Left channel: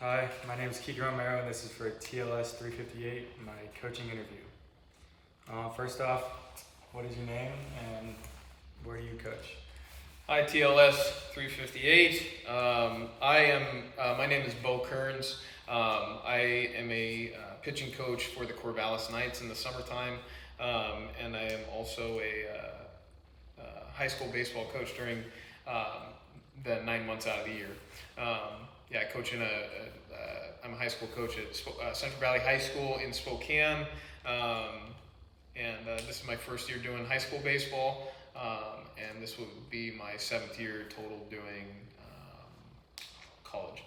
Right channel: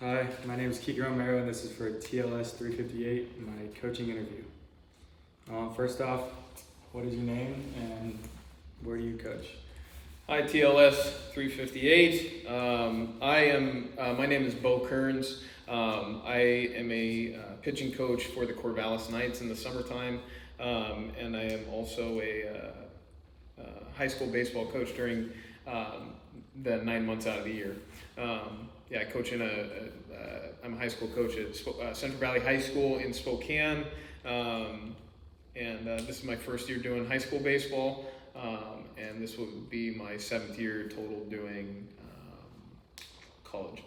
Hi, my name is Kiko Romero, and this is for TLS 358, my coaching interview. First off, what is your name and where do you coach? Hi, TLS 358. My name is Beau Kerns. I am a pitching coach for the Corvallis Knights in the summertime, and I am also a high school baseball coach during the 9 months out of the year. I coach I'm a high school coach at Central Valley High School in Spokane, and this is my first year doing high school baseball, and this will be my 7th year total doing college.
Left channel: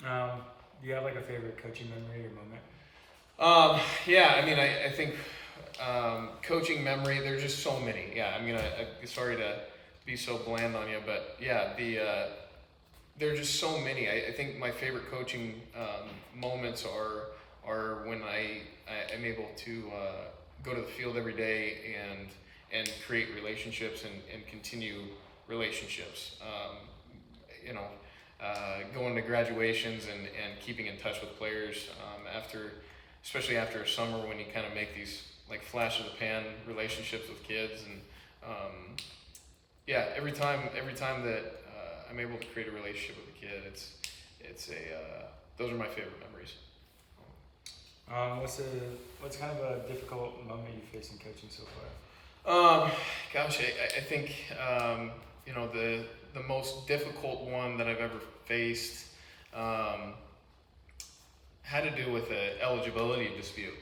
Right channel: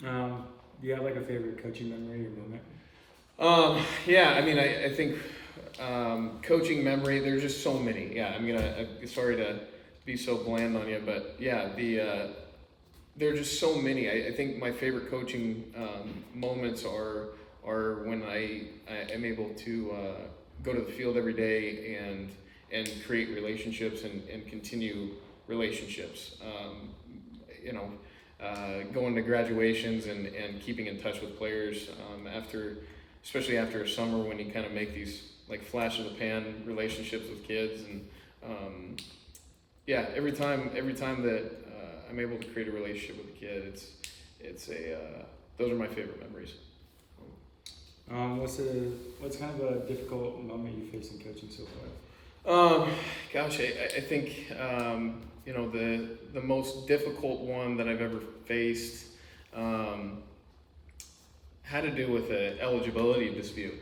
Do you have like a favorite coaching memory or moment? I think coaching memory, there's just so many. Sorry to be so bland on you, but there are just so many. I think my favorite coaching moments are when I am able to go to the field every day and create relationships and continue relationships. Going to graduations and keeping in touch with players especially after a summer when you kind of make these like flash of the pan relationships with kids every time that I'm able to create a relationship with a kid, those are my favorite memories. What's kind of a difficult moment you face in coaching so far? I think the most difficult one that I've ever faced had to do with an eligibility dispute.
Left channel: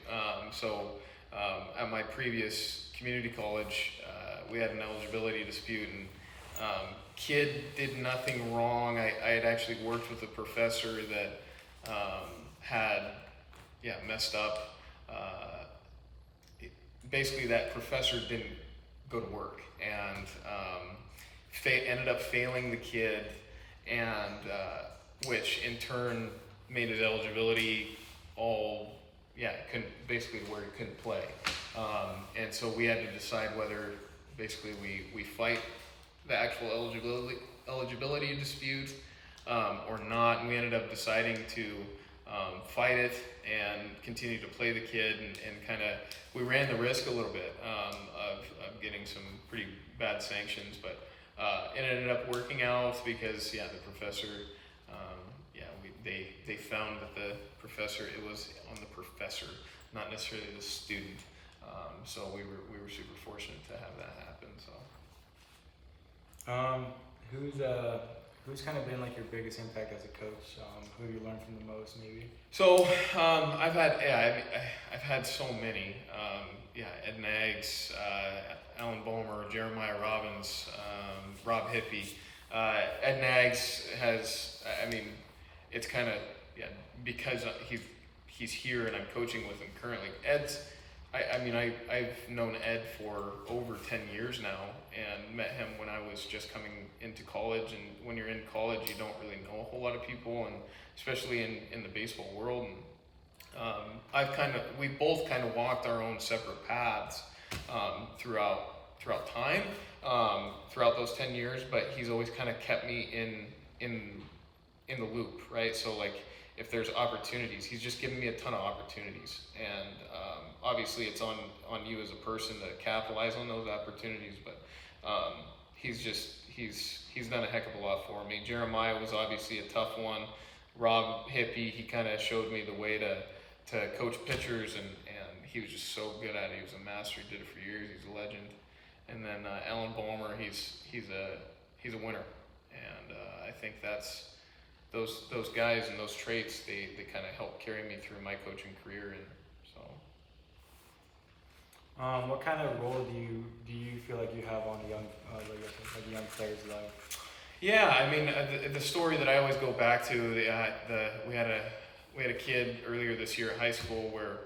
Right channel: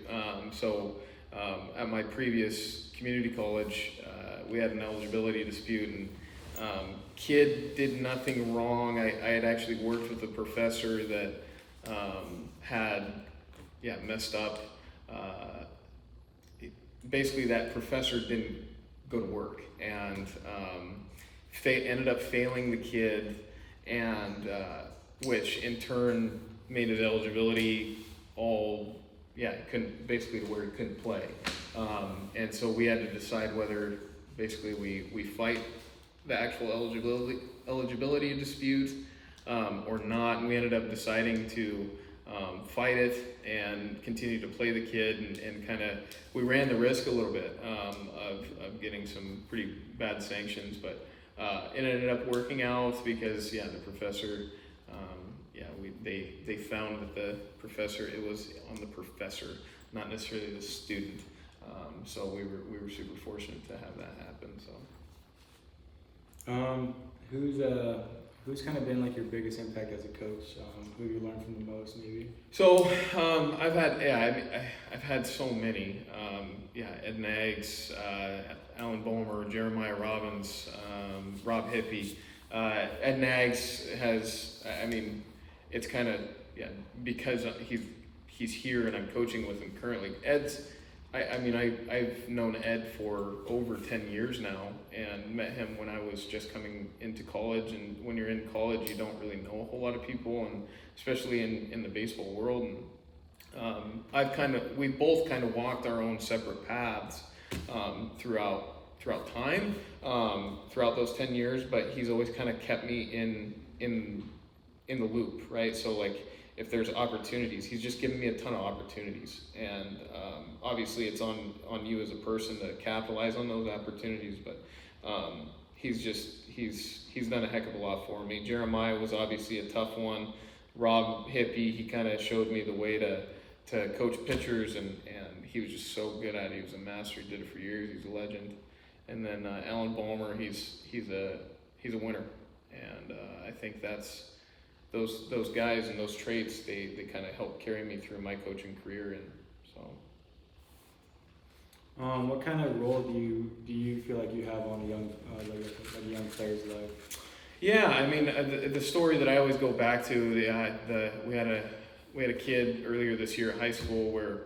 At my previous community college, we had an eligibility dispute, and kid did nothing wrong. I had actually worked with a professor that had messed up. Basically, that professor didn't go to work and ended up failing the kid, and which in turn made his eligibility couldn't where he couldn't play. And so we had to decide whether basically we fight the actual eligibility dispute or not, and we ended up deciding to fight it and continue to play the kid, and kind of we ran the risk a little bit of getting some pretty bad sanctions, but it ended up working out because the professor they found that it was on the professor, not necessarily the student. So we were super fortunate to have that happen. Who's kind of been like your biggest impact as a coach? Who have you learned from the most, maybe? So I've had so many. Ed Nags, Alan Bulmer, Jeremiah Robbins, Rob Hippie. Ed Nags has, it's kind of because he's here and I'm coaching with him currently. I've known Ed for over 10 years now and met him when I was just coming into college. And when you're in college, you don't really know a whole lot of people, and especially in the baseball world. And we both kind of walked our own separate paths throughout time, throughout those 10 years. But he's always kind of kept me in the loop, right? So like, if there's opportunities, he's just given me a ton of opportunities, and obviously it's on you as a person to capitalize on those opportunities, but he's done a heck of a lot for me. Jeremiah was obviously a tough one. Rob Hippie, he kind of showed me the way to coach pitchers, and he was just so good at it. He was a master. He did it for years. He's a legend. And then Alan Bulmer, he's a winner, and I think that's those guys and those traits, they kind of helped carry me through my coaching career. And so what kind of role do you feel like you have on a young player's life? The story that I always go back to, we had a kid earlier this year at high school where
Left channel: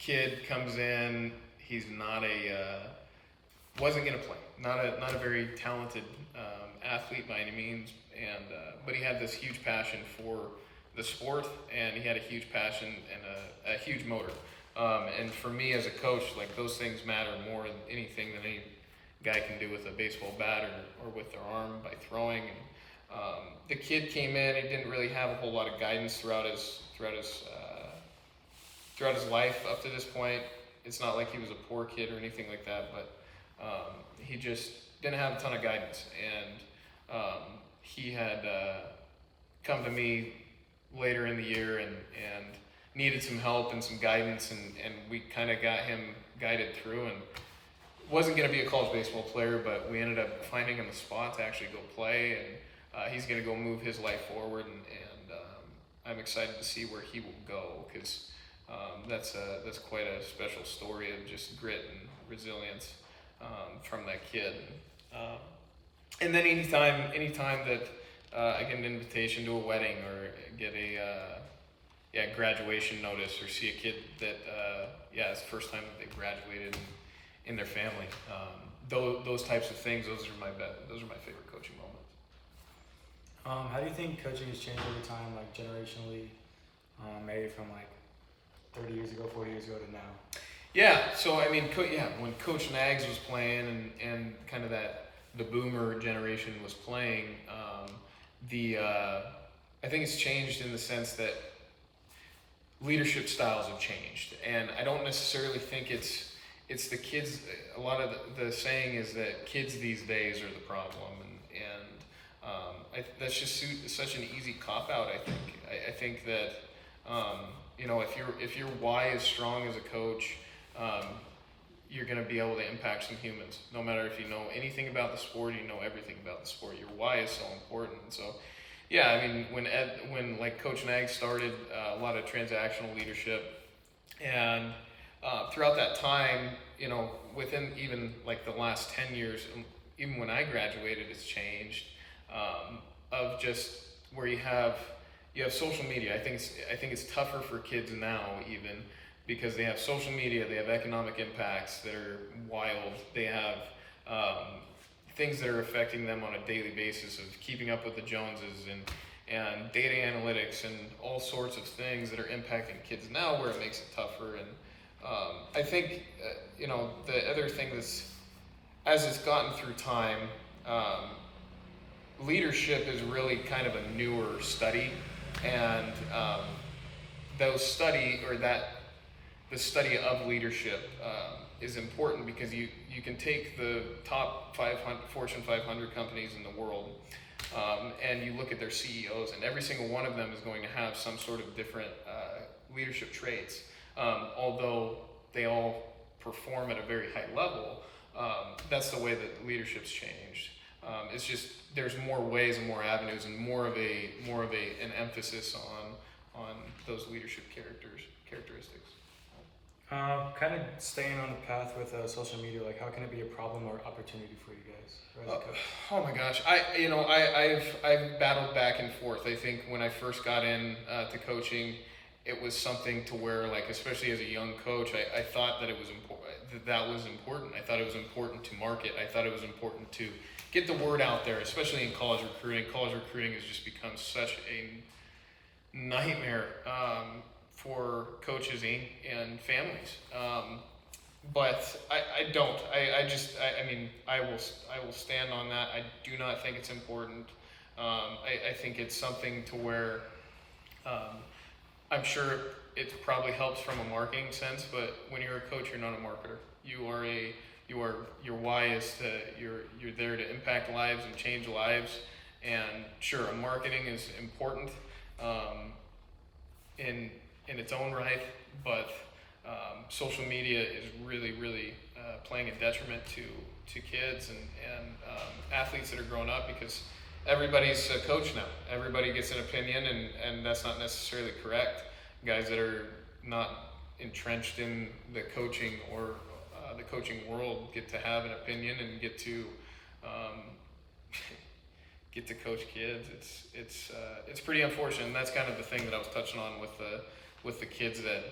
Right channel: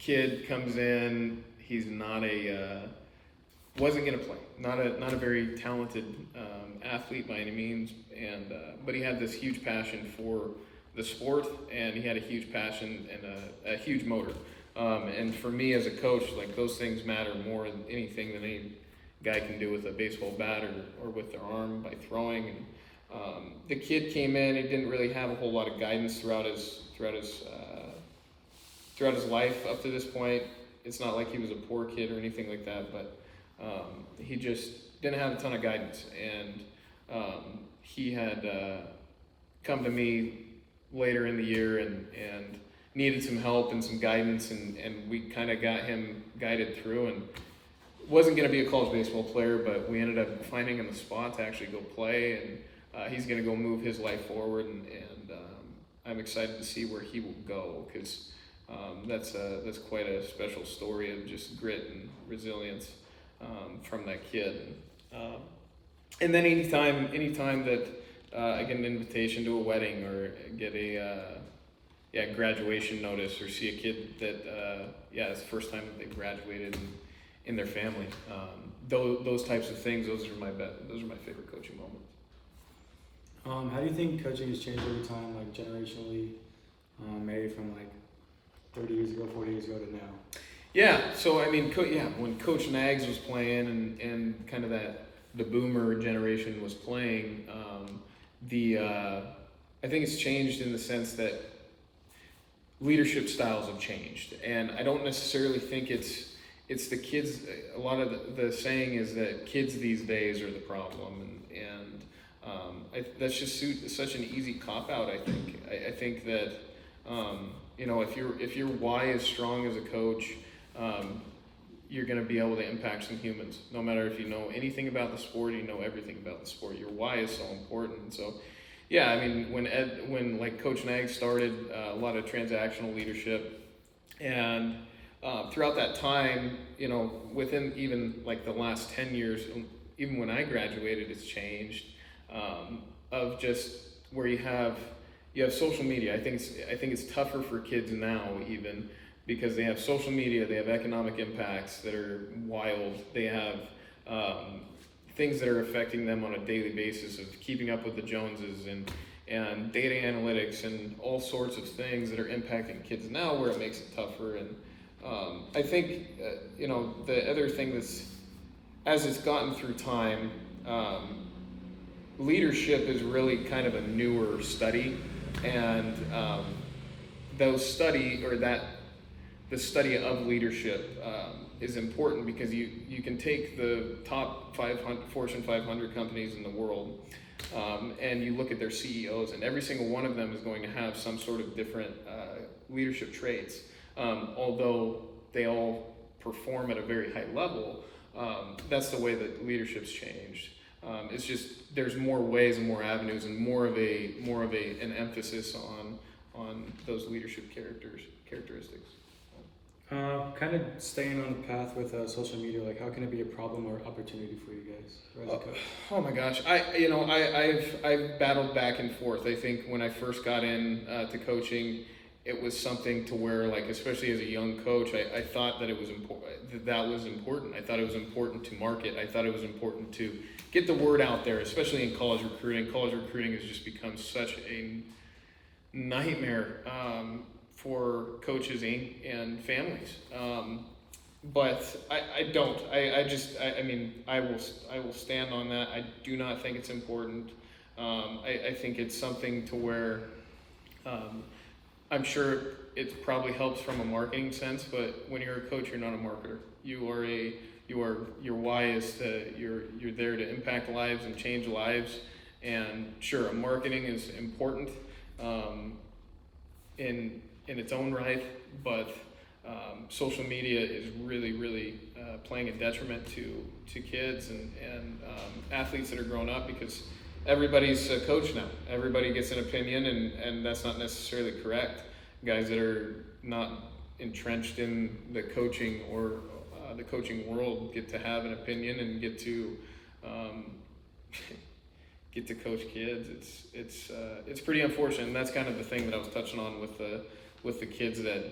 kid comes in, he's wasn't going to play, not a very talented athlete by any means, and but he had this huge passion for the sport, and he had a huge passion and a huge motor. And for me as a coach, like, those things matter more than anything that any guy can do with a baseball bat or with their arm by throwing. The kid came in. He didn't really have a whole lot of guidance throughout his life up to this point. It's not like he was a poor kid or anything like that, but he just didn't have a ton of guidance. And he had come to me later in the year and needed some help and some guidance, and we kind of got him guided through, and wasn't going to be a college baseball player, but we ended up finding him a spot to actually go play, and he's going to go move his life forward, and I'm excited to see where he will go, because that's quite a special story of just grit and resilience from that kid. And then anytime that I get an invitation to a wedding or get a graduation notice, or see a kid that it's the first time that they've graduated in their family, those types of things, those are my favorite coaching moments. How do you think coaching has changed over time, like generationally, maybe from like 30 years ago, 40 years ago to now? Yeah, so I mean, when Coach Nags was playing and kind of the boomer generation was playing, I think it's changed in the sense that leadership styles have changed, and I don't necessarily think it's the kids. A lot of the saying is that kids these days are the problem, and that's just such an easy cop out. I think that if your why is strong as a coach, you're going to be able to impact some humans. No matter if you know anything about the sport, you know everything about the sport. Your why is so important. So, yeah, I mean, when like Coach Nag started a lot of transactional leadership, and throughout that time, within even like the last 10 years, even when I graduated, it's changed. Of just where you have social media. I think it's tougher for kids now, even because they have social media, they have economic impacts that are wild. They have things that are affecting them on a daily basis, of keeping up with the Joneses and data analytics and all sorts of things that are impacting kids now, where it makes it tougher. And I think the other thing that's, as it's gotten through time, leadership is really kind of a newer study, and the study of leadership is important, because you can take the top 500 Fortune 500 companies in the world, and you look at their CEOs, and every single one of them is going to have some sort of different leadership traits, although they all perform at a very high level. That's the way that leadership's changed. It's just there's more ways and more avenues, and more of an emphasis on those leadership characteristics. Kind of staying on the path with social media, like how can it be a problem or opportunity for you guys as a coach? Oh my gosh, I've battled back and forth. I think when I first got in to coaching, it was something to where, like, especially as a young coach, I thought that it was important. That was important. I thought it was important to market. I thought it was important to get the word out there, especially in college recruiting. College recruiting has just become such a nightmare for coaches and families. But I don't. I will stand on that. I do not think it's important. I think it's something to where I'm sure it probably helps from a marketing sense, but when you're a coach, you're not a marketer. Your why is you're there to impact lives and change lives. And sure, marketing is important in its own right, but social media is really playing a detriment to kids and athletes that are growing up, because everybody's a coach now. Everybody gets an opinion, and that's not necessarily correct. Guys that are not entrenched in the coaching or the coaching world get to have an opinion and get to coach kids. It's pretty unfortunate, and that's kind of the thing that I was touching on with the kids, that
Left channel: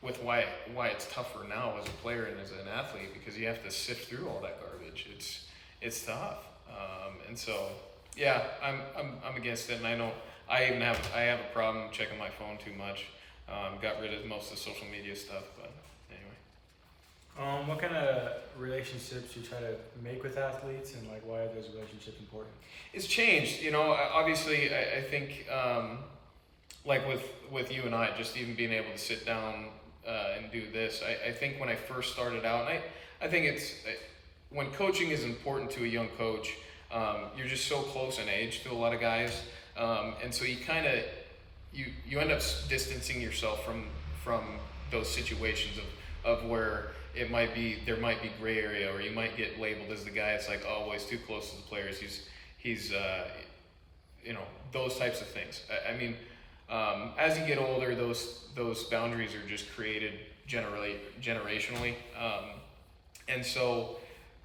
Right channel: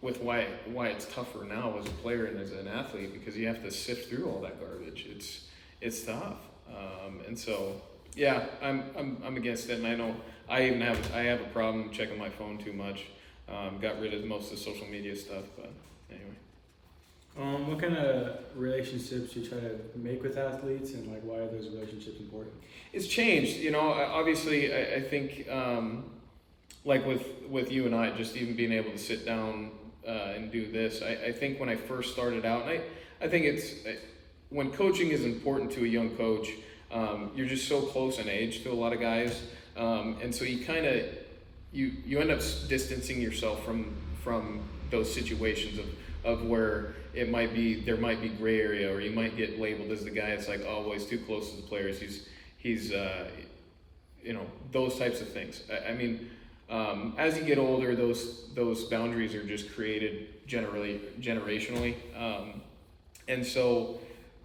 with why it's tougher now as a player and as an athlete, because you have to sift through all that garbage. It's tough, and so yeah, I'm against it, and I have a problem checking my phone too much. Got rid of most of the social media stuff, but anyway. What kind of relationships do you try to make with athletes, and like why are those relationships important? It's changed, you know. Obviously, I think like with you and I, just even being able to sit down and do this. I think when I first started out, and I think when coaching is important to a young coach, you're just so close in age to a lot of guys, and so you end up distancing yourself from those situations of where there might be gray area, or you might get labeled as the guy that's like, oh, well, he's too close to the players. He's you know, those types of things. I mean, as you get older, those boundaries are just created generationally, and so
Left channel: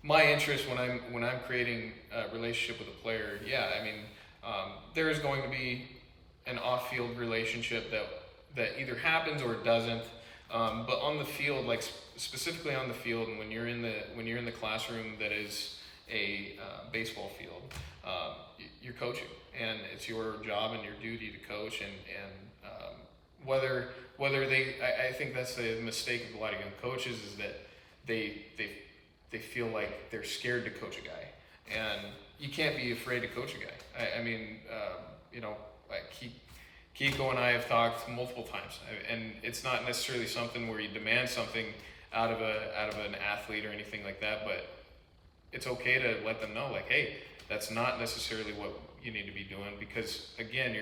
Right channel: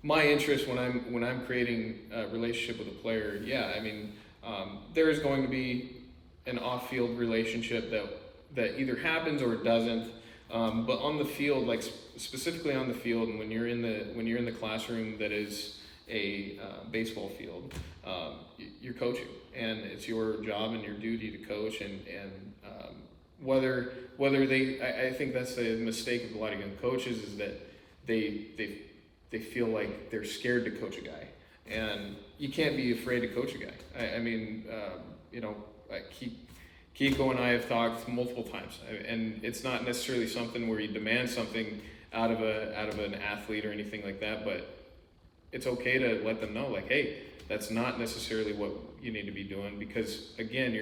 my interest when I'm creating a relationship with a player, yeah, I mean, there is going to be an off-field relationship that either happens or it doesn't. But on the field, like specifically on the field, and when you're in the classroom that is a baseball field, you're coaching, and it's your job and your duty to coach. And whether I think that's the mistake of a lot of young coaches, is that they feel like they're scared to coach a guy, and you can't be afraid to coach a guy. I mean, you know, like Kiko and I have talked multiple times, and it's not necessarily something where you demand something out of an athlete or anything like that, but it's okay to let them know, like, hey, that's not necessarily what you need to be doing, because again,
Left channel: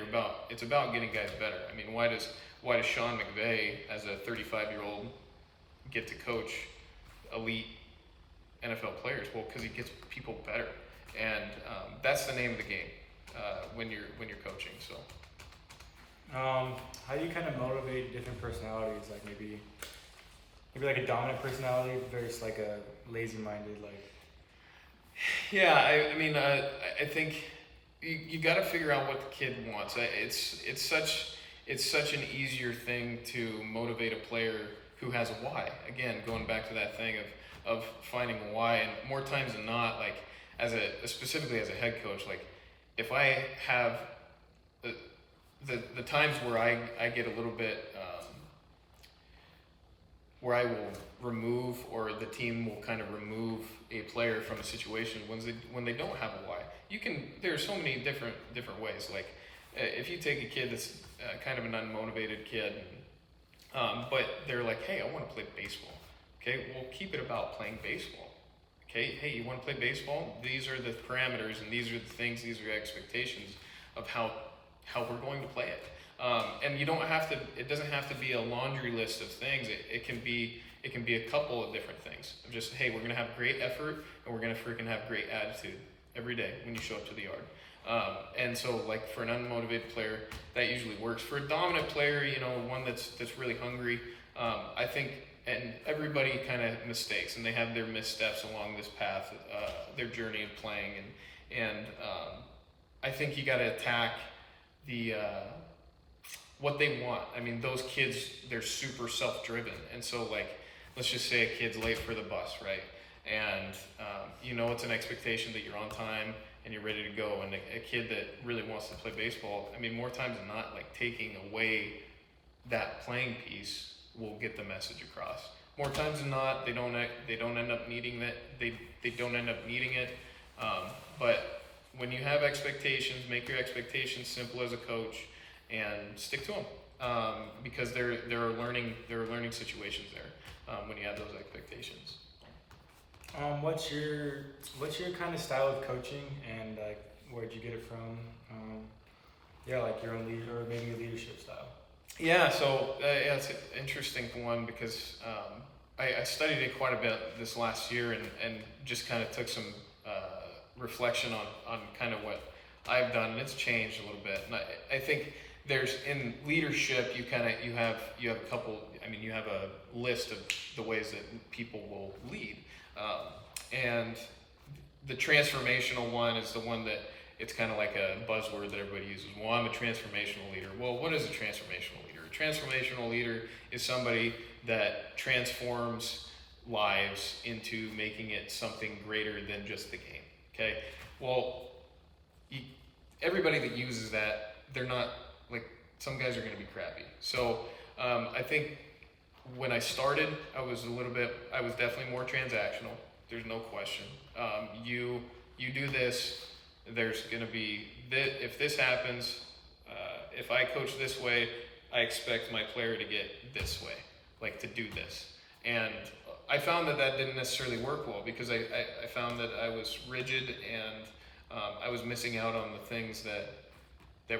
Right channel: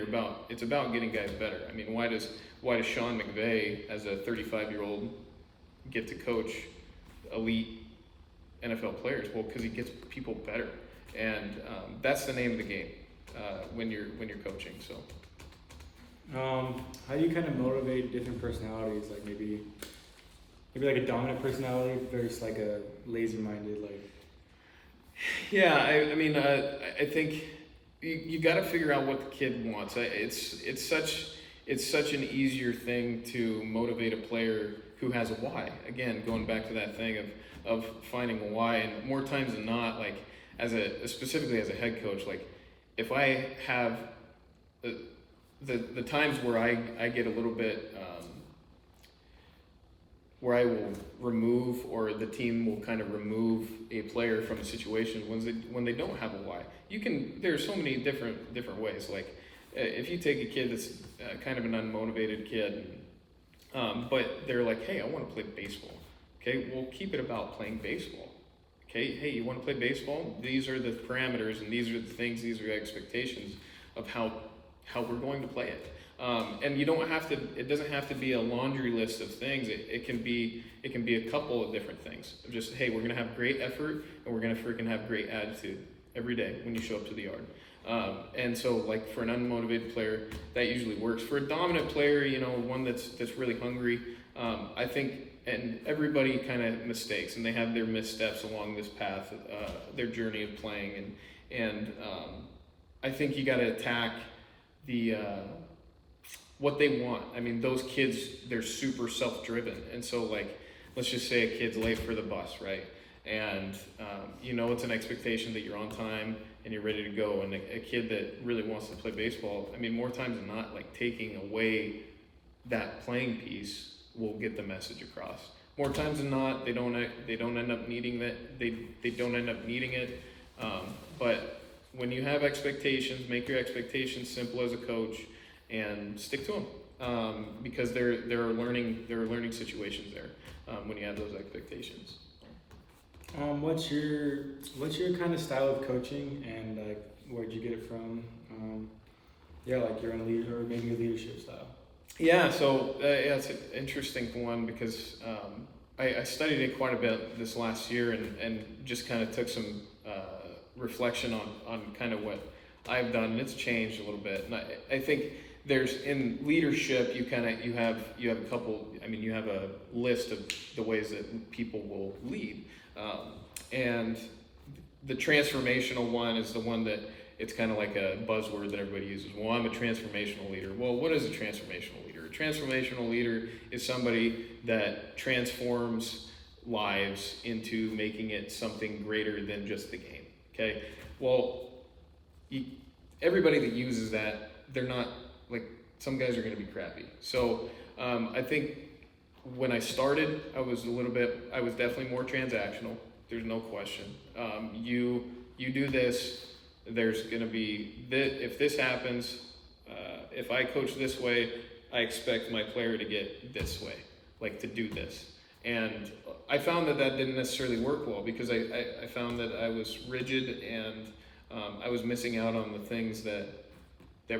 it's about getting guys better. I mean, why does Sean McVay, as a 35-year-old, get to coach elite NFL players? Well, because he gets people better, and that's the name of the game when you're coaching. So. How do you kind of motivate different personalities? Like maybe like a dominant personality versus like a lazy-minded, like. Yeah, I mean, I think you got to figure out what the kid wants. It's such an easier thing to motivate a player who has a why. Again, going back to that thing of finding a why, and more times than not, like specifically as a head coach, like if I have the times where I get a little bit where I will remove, or the team will kind of remove a player from a situation when they don't have a why. There's so many different ways. Like if you take a kid that's kind of an unmotivated kid, but they're like, hey, I want to play baseball. Okay, well, keep it about playing baseball. Okay, hey, you want to play baseball? These are the parameters, and these are the things, these are the expectations of how we're going to play it. And you don't have to. It doesn't have to be a laundry list of things. It can be a couple of different things. Of just, hey, we're gonna have great effort, and we're gonna freaking have great attitude every day when you show up to the yard. And so, like for an unmotivated player, that usually works. For a dominant player, you know, one that's really hungry, I think, and everybody kind of mistakes, and they have their missteps along this path, their journey of playing, and I think you got to attack the what they want. I mean, those kids, they're super self-driven, and so like, let's just say a kid's late for the bus, right? And you know, it's an expectation that you're on time and you're ready to go. And a kid that really wants to play baseball, I mean, more times than not, like taking away that playing piece will get the message across. More times than not, they don't end up needing that. They don't end up needing it. But when you have expectations, make your expectations simple as a coach, and stick to them, because there are learning situations there when you have those expectations. What's your kind of style of coaching, and like where'd you get it from? Yeah, like your own lead, or maybe your leadership style. Yeah, so yeah, it's an interesting one, because I studied it quite a bit this last year, and just kind of took some reflection on kind of what I've done, and it's changed a little bit. And I think there's, in leadership, you have a couple. I mean, you have a list of the ways that people will lead, and the transformational one is the one that it's kind of like a buzzword that everybody uses. Well, I'm a transformational leader. Well, what is a transformational leader? A transformational leader is somebody that transforms lives into making it something greater than just the game. Okay? Well, everybody that uses that, they're not, like, some guys are going to be crappy. So I think when I started, I was definitely more transactional. There's no question. You do this, there's going to be this, if this happens, if I coach this way, I expect my player to get this way, like to do this. And I found that didn't necessarily work well, because I found that I was rigid, and I was missing out on the things that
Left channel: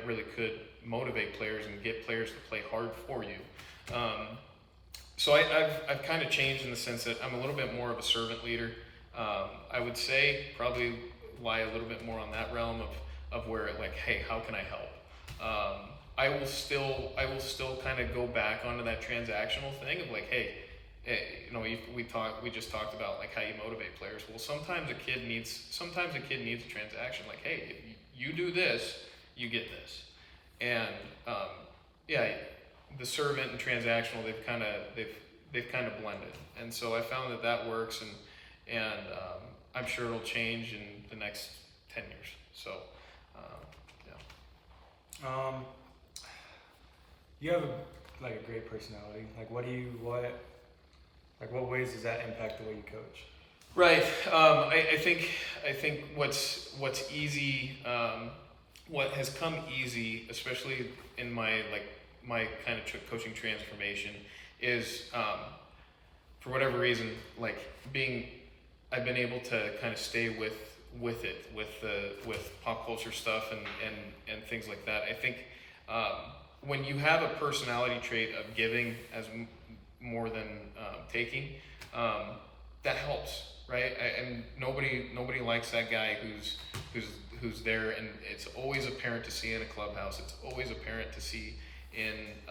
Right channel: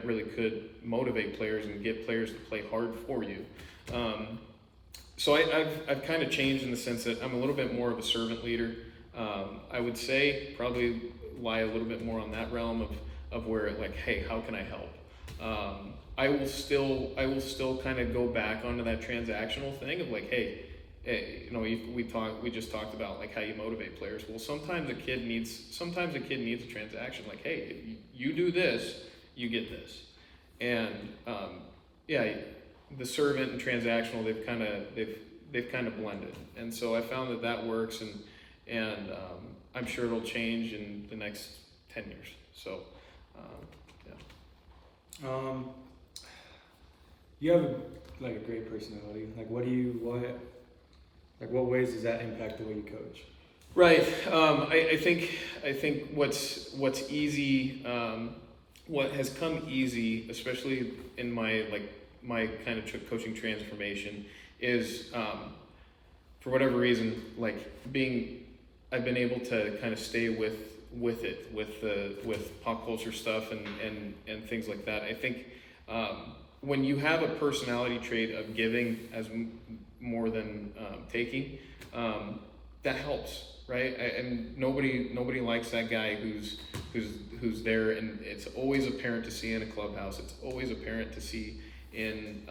really could motivate players and get players to play hard for you. So I've kind of changed in the sense that I'm a little bit more of a servant leader. I would say probably lie a little bit more on that realm of where, like, hey, how can I help? I will still kind of go back onto that transactional thing of like, hey, we just talked about like how you motivate players. Well, sometimes a kid needs a transaction. Like, hey, if you do this, you get this. And the servant and transactional, they've kind of blended. And so I found that works, and I'm sure it'll change in the next 10 years. So, You have a great personality. Like, what ways does that impact the way you coach? Right. I think what's easy, what has come easy, especially in my kind of coaching transformation, is for whatever reason, I've been able to kind of stay with pop culture stuff and things like that. I think when you have a personality trait of giving as more than taking, that helps, right? And nobody likes that guy who's there, and it's always apparent to see in a clubhouse. It's always apparent to see in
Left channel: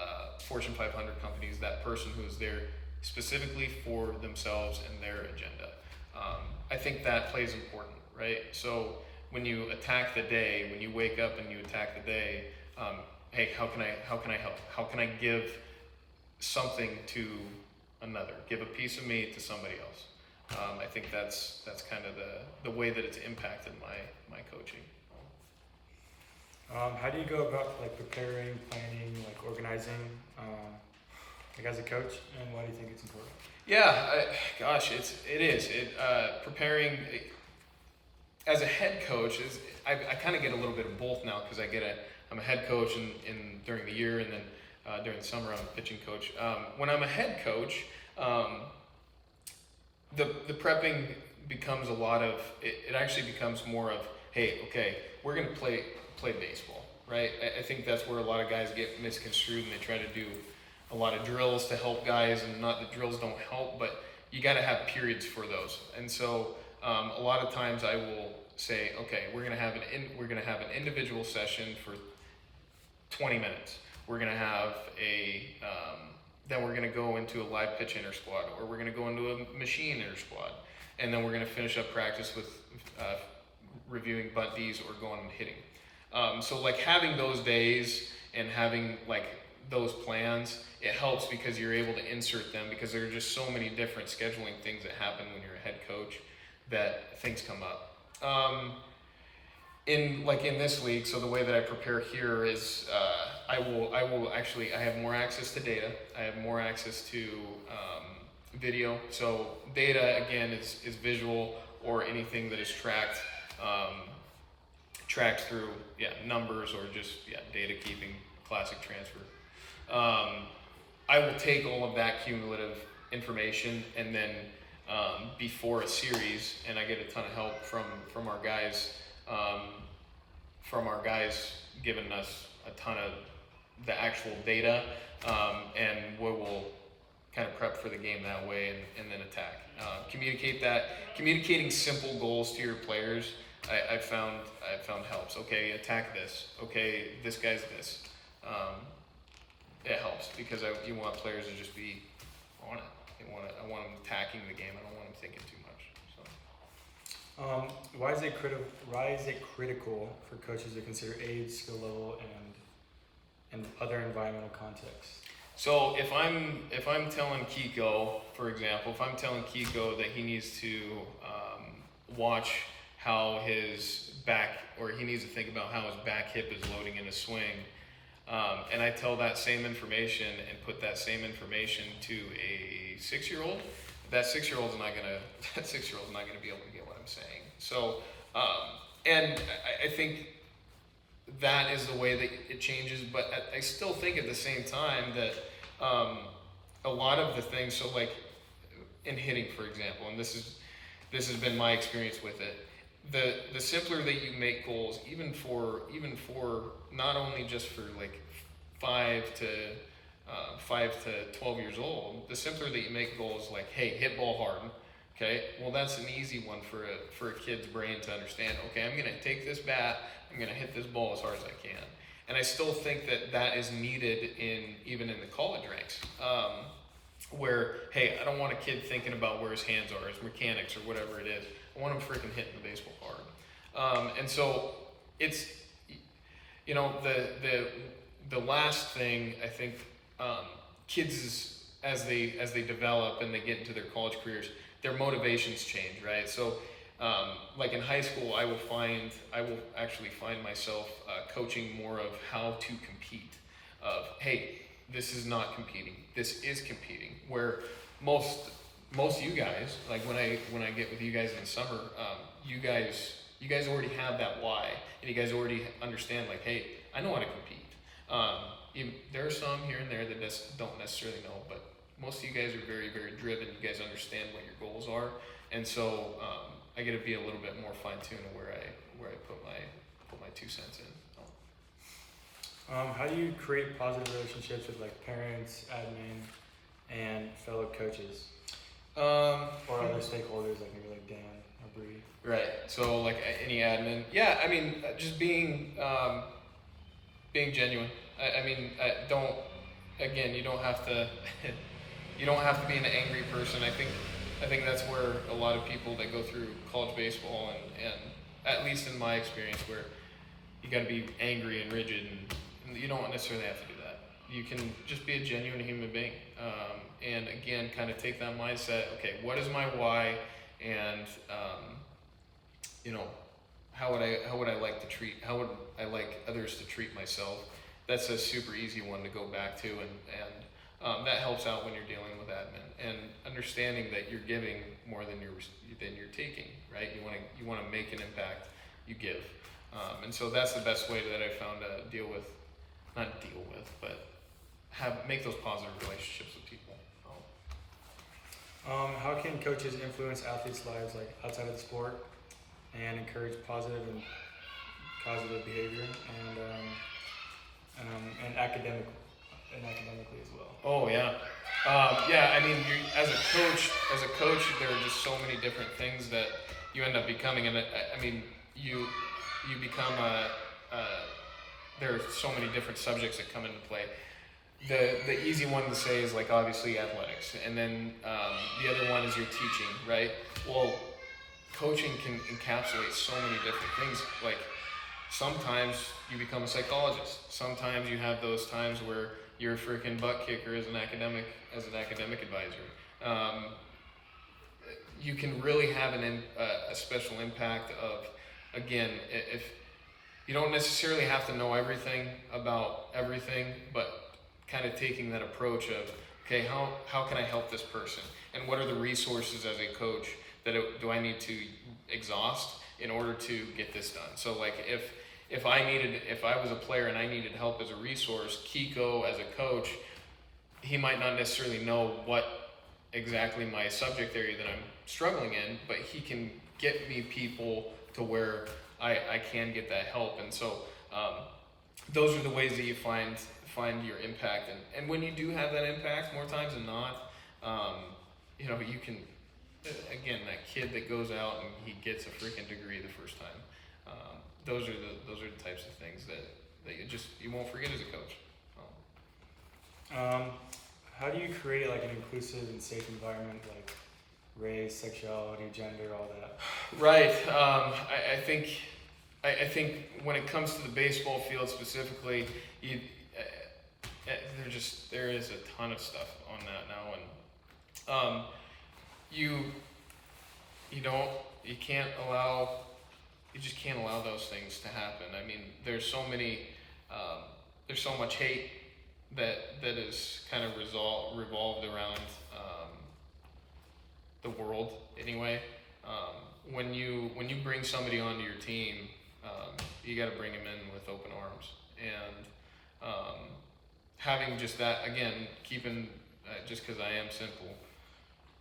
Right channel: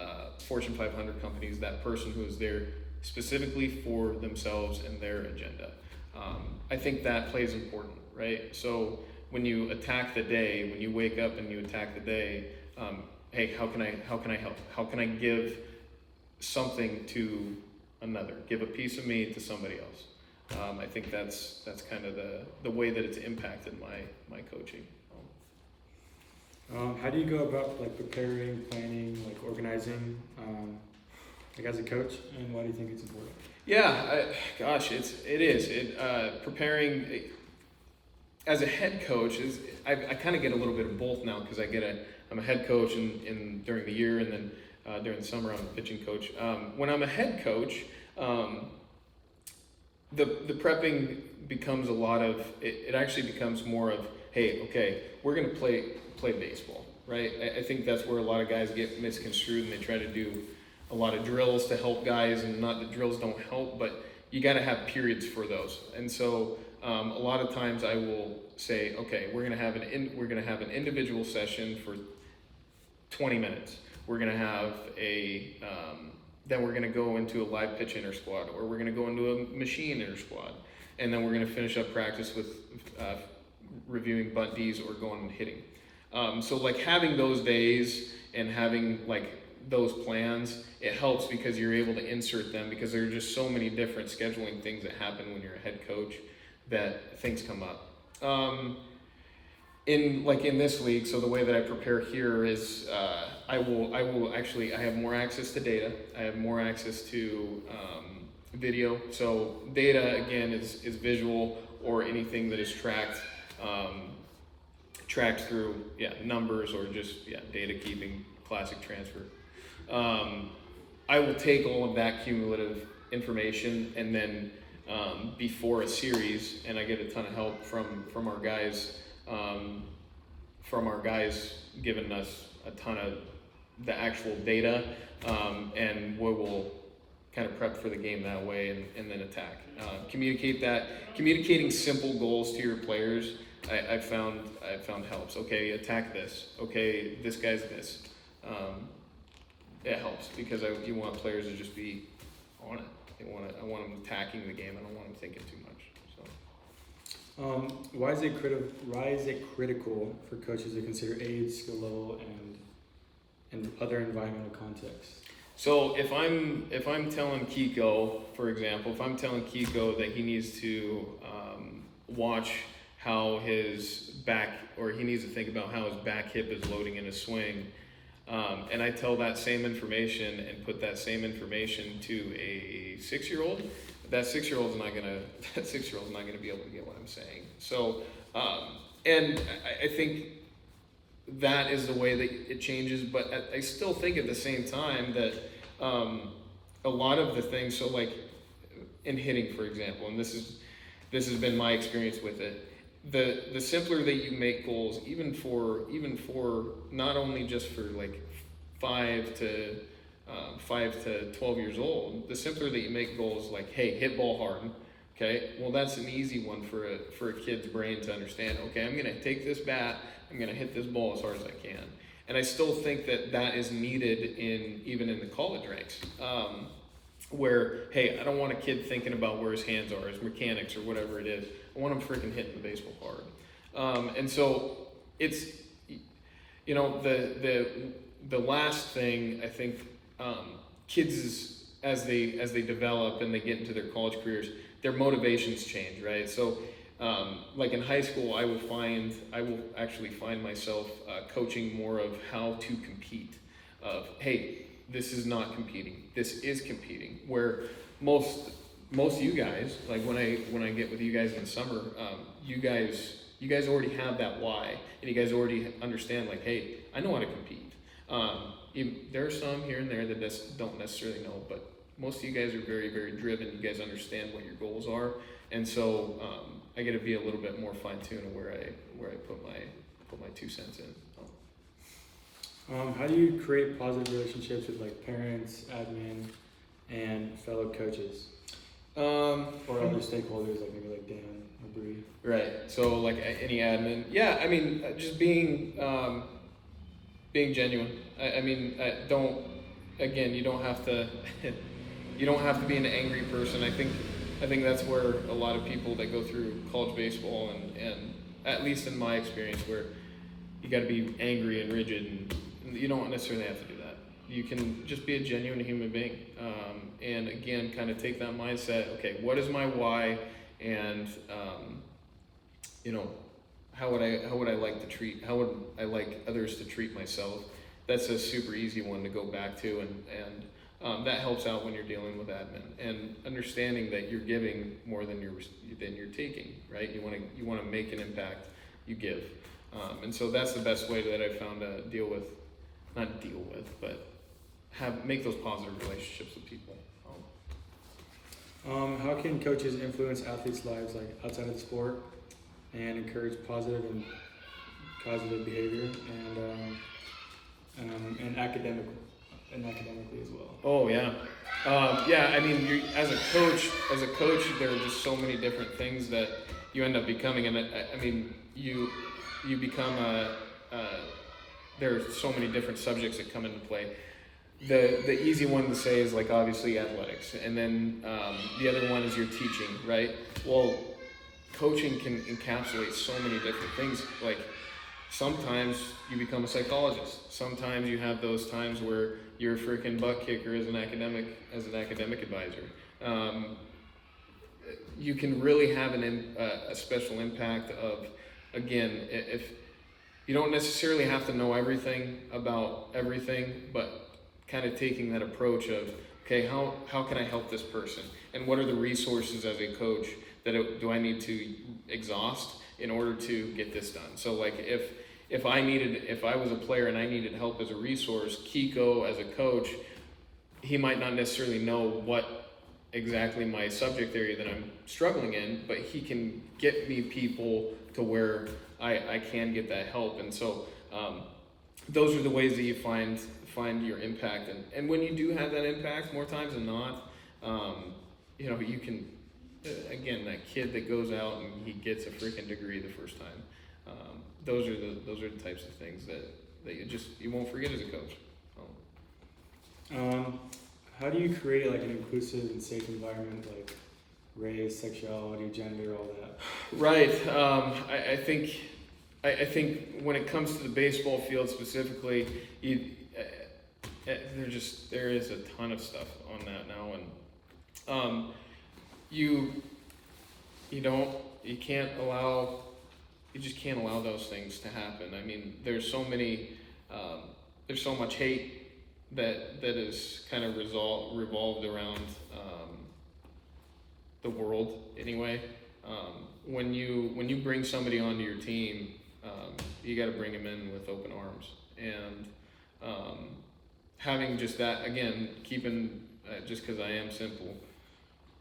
Fortune 500 companies, that person who is there specifically for themselves and their agenda. I think that plays important, right? So when you attack the day, when you wake up and you attack the day, hey, how can I help? How can I give something to another? Give a piece of me to somebody else. I think that's kind of the way that it's impacted my coaching. How do you go about preparing, planning, organizing, as a coach, and why do you think it's important? Yeah, it is. Preparing as a head coach is, I kind of get a little bit of both now, because I'm a head coach in during the year, and then during the summer I'm a pitching coach. When I'm a head coach, the prepping becomes it actually becomes more of, hey, okay, we're gonna play baseball, right? I think that's where a lot of guys get misconstrued, and they try to do a lot of drills to help guys, and not that drills don't help, but you got to have periods for those. And so a lot of times I will say, okay, we're gonna have an individual session for 20 minutes. We're gonna have then we're gonna go into a live pitch inter squad, or we're gonna go into a machine inter squad, and then we're gonna finish up practice with reviewing bunt Ds or going and hitting. So having those days and having those plans, it helps, because you're able to insert them, because there are just so many different scheduling things that happen when you're a head coach, that things come up. In this league, so the way that I prepare here is I have more access to data. I have more access to video. So data, again, is visual, or anything that is tracked through numbers, or just data keeping, classic transfer. I will take all of that cumulative information, and then before a series, and I get a ton of help from our guys, giving us a ton of the actual data, and we will kind of prep for the game that way, and then attack. Communicating simple goals to your players, I found helps. Okay, attack this. Okay, this guy's this. It helps, because you want players to just be on it. I want them attacking the game. I don't want them thinking too much. So, why is it critical for coaches to consider age, skill level, and other environmental contexts? So if I'm telling Kiko, for example, that he needs to watch how his back, or he needs to think about how his back hip is loading in a swing, And I tell that same information and put that same information to a 6-year-old. That 6-year-old's not gonna be able to get what I'm saying. So, and I think that is the way that it changes. But I still think at the same time that a lot of the things, so like in hitting, for example, and this has been my experience with it. The simpler that you make goals, even for not only just for like 5 to 12 years old, the simpler that you make goals, like, hey, hit ball hard. Okay, well, that's an easy one for a kid's brain to understand. Okay, I'm gonna take this bat, I'm gonna hit this ball as hard as I can. And I still think that is needed even in the college ranks. Where, hey, I don't want a kid thinking about where his hands are, his mechanics, or whatever it is. I want him freaking hitting the baseball hard. And so it's, the last thing I think kids as they develop and they get into their college careers, their motivations change, right? So like in high school, I will actually find myself coaching more of how to compete. Of, hey, this is not competing. This is competing. Where most of you guys, like when I get with you guys in the summer, you guys already have that why, and you guys already understand, like, hey, I know how to compete. There are some here and there that don't necessarily know, but most of you guys are very, very driven. You guys understand what your goals are, and so I get to be a little bit more fine-tuned of where I put my 2 cents in. So. How do you create positive relationships with like parents, admin, and fellow coaches, or other stakeholders, like maybe like Dan or Bree? Right. So like any admin, yeah. I mean, just being genuine. I mean, you don't have to be an angry person. I think that's where a lot of people that go through college baseball and at least in my experience, where you got to be angry and rigid, and you don't necessarily have to do that. You can just be a genuine human being, and again, kind of take that mindset. Okay, what is my why, and how would I like others to treat myself? That's a super easy one to go back to, and that helps out when you're dealing with admin and understanding that you're giving more than you're taking. Right? You want to make an impact. You give, and so that's the best way that I found to make those positive relationships with people. How can coaches influence athletes' lives, like outside of the sport, and encourage positive behavior and academically as well? Oh yeah, yeah. I mean, as a coach, there are just so many different things that you end up becoming, and I mean, you become there are so many different subjects that come into play. The easy one to say is like obviously athletics, and then the other one is your teaching, right? Well, coaching can encapsulate so many different things. Like sometimes you become a psychologist. Sometimes you have those times where you're a freaking butt kicker as an academic advisor. You can really have a special impact of, again, if you don't necessarily have to know everything about everything, but kind of taking that approach of, okay, how can I help this person? And what are the resources as a coach do I need to exhaust in order to get this done? So like if I was a player and I needed help as a resource, Kiko as a coach, he might not necessarily know what exactly my subject area that I'm struggling in, but he can get me people to where I can get that help. And so those are the ways that you find your impact. And when you do have that impact, more times than not, you can, again, that kid that goes out and he gets a freaking degree the first time. Those are the types of things that you won't forget as a coach. So. How do you create like an inclusive and safe environment, like race, sexuality, gender, all that? Right. I think when it comes to the baseball field specifically, there is a ton of stuff on that now, and you just can't allow those things to happen. I mean, there's so many there's so much hate that is kind of revolved around the world anyway. When you bring somebody onto your team, you got to bring them in with open arms, and having just that, again, keeping just because I am simple,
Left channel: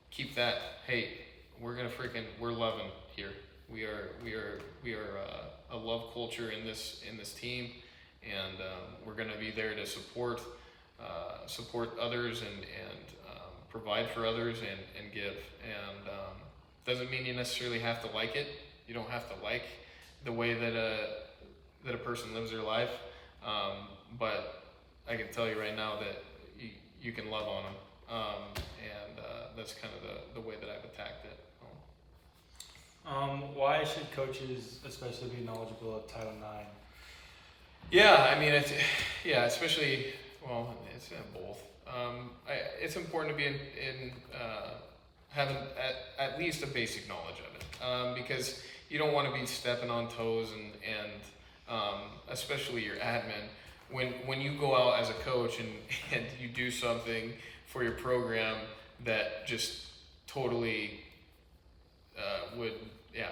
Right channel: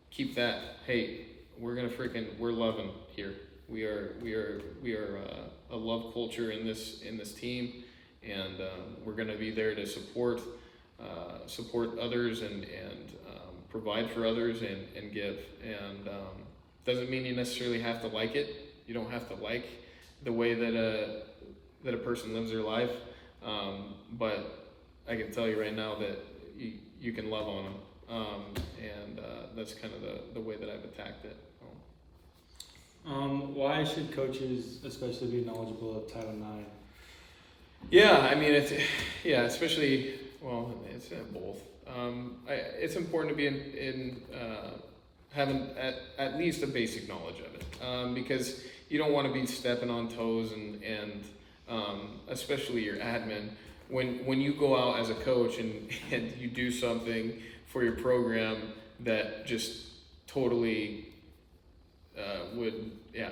keep that. Hey, we're loving here. We are a love culture in this team, and we're gonna be there to support others and provide for others and give. And doesn't mean you necessarily have to like it. You don't have to like the way that a person lives their life, but I can tell you right now that you can love on them, and that's kind of the way that I've attacked it. Why should coaches especially be knowledgeable of Title IX? Yeah, I mean, especially, well, it's both. It's important to be having at least a basic knowledge of it, because you don't want to be stepping on toes and especially your admin. When you go out as a coach and you do something for your program that just totally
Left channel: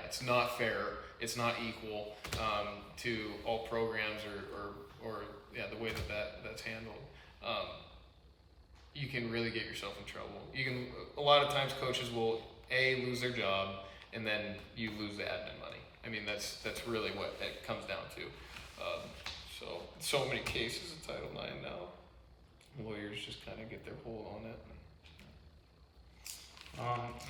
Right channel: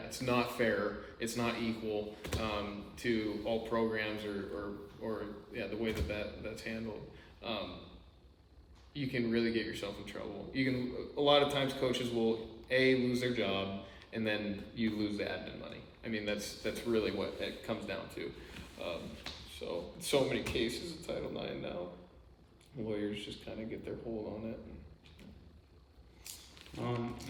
it's not fair, it's not equal to all programs or the way that's handled, you can really get yourself in trouble. A lot of times coaches will lose their job, and then you lose the admin money. I mean, that's really what it comes down to. So many cases of Title IX now. Lawyers just kind of get their hold on it.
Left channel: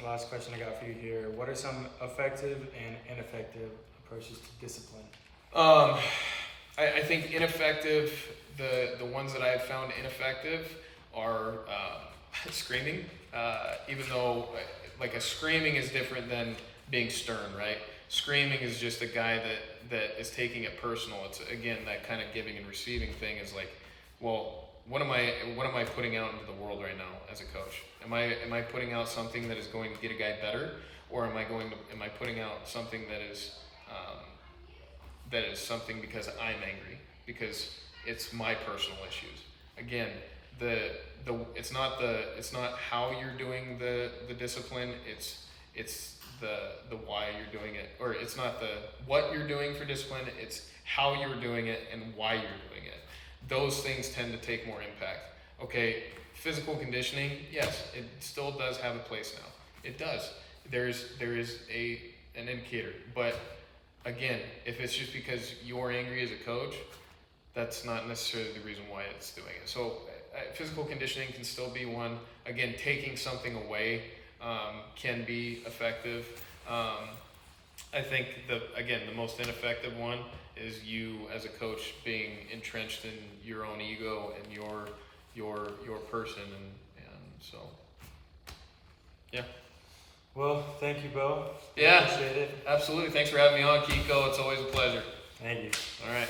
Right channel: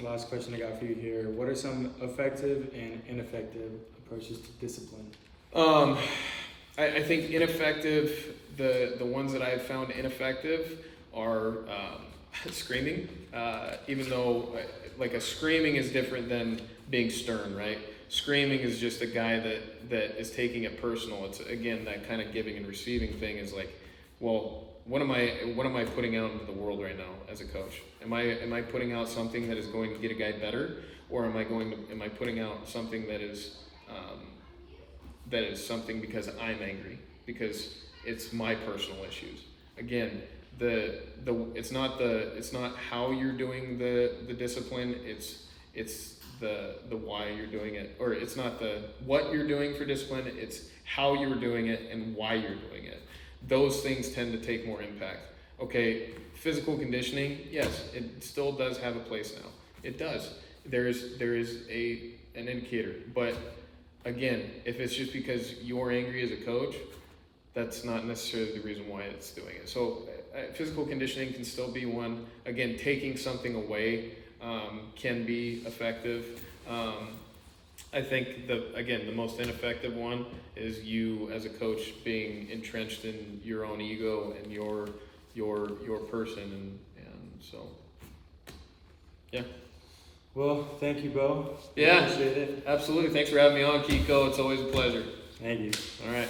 Last question I got for you here. What are some effective and ineffective approaches to discipline? I think ineffective, the ones that I've found ineffective are screaming, even though like a screaming is different than being stern, right? Screaming is just a guy that is taking it personal. It's, again, that kind of giving and receiving thing is like, well, what am I putting out into the world right now as a coach? Am I putting out something that is going to get a guy better, or am I putting out something that is something because I'm angry, because it's my personal issues? Again, it's not how you're doing the discipline, it's the why you're doing it, or it's not the what you're doing for discipline, it's how you're doing it and why you're doing it. Those things tend to take more impact. Okay, physical conditioning, yes, it still does have a place now. It does. There is an indicator, but again, if it's just because you're angry as a coach, that's not necessarily the reason why it's doing it. So physical conditioning can still be one. Again, taking something away can be effective. I think the most ineffective one is you as a coach being entrenched in your own ego and your person, and so yeah. Well, thank you, Beau. Yeah, appreciate it. Absolutely. Thanks for having me on, Kiko. It's always a pleasure. Thank you. All right.